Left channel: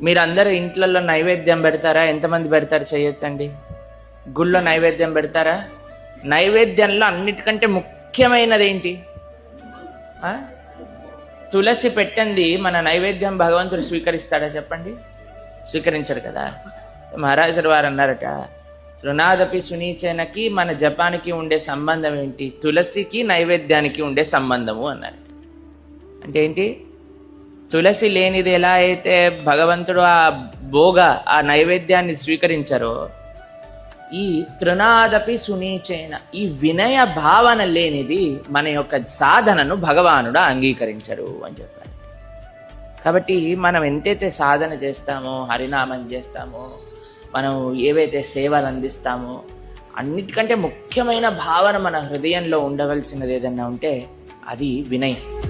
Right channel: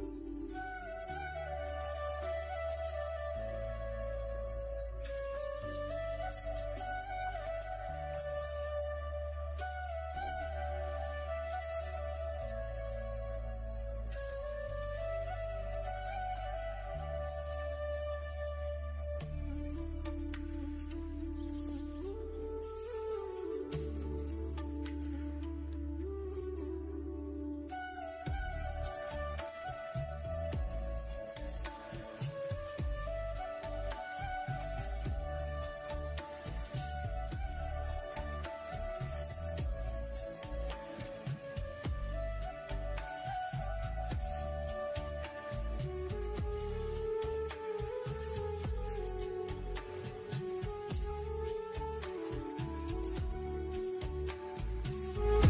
మీరందరూ ఇంట్లలో నైవేద్యం పెడతారా? ఎంతమంది పెడతారు చెయ్యొద్దండి. గుళ్ళో నైవేద్యం పెడతారా? నైవేద్యంలో అన్నిటికంటే ముఖ్యమైనది ఏంటి? తులసి పెట్టండి. మన నైవేద్యం భగవంతుడు స్వీకరిస్తాడా చెప్పండి? స్వీకరించడు కదా. మహారాజుల వారు అన్నారట, తృణాదపి సునీచనకి మన జపానికి ఉండే సంబంధం ఏంటి? తులసికి నైవేద్యానికి ఉండే సంబంధము అన్నారు. అంటే ఏంటి? తులసి లేనిది ఎలా అయితే భగవంతుడు ఆ నైవేద్యాన్ని స్వీకరించారో, ఈ తృణాదపి సునీచేన, ఈ వినయ భావన లేనిది మన యొక్క సాధనను భగవానుడు అంగీకరించరు అని చెప్పారు. కాబట్టి మనం ఎంతైతే సాధన చేస్తామో, హరినామం చేస్తామో, మనం ఏవైతే సేవలు అందిస్తామో, అన్నిటికంటే ముఖ్యమైన భావన మన హృదయంలో ఉండవలసినది ఏదన్నా ఉంటే అది వినయం.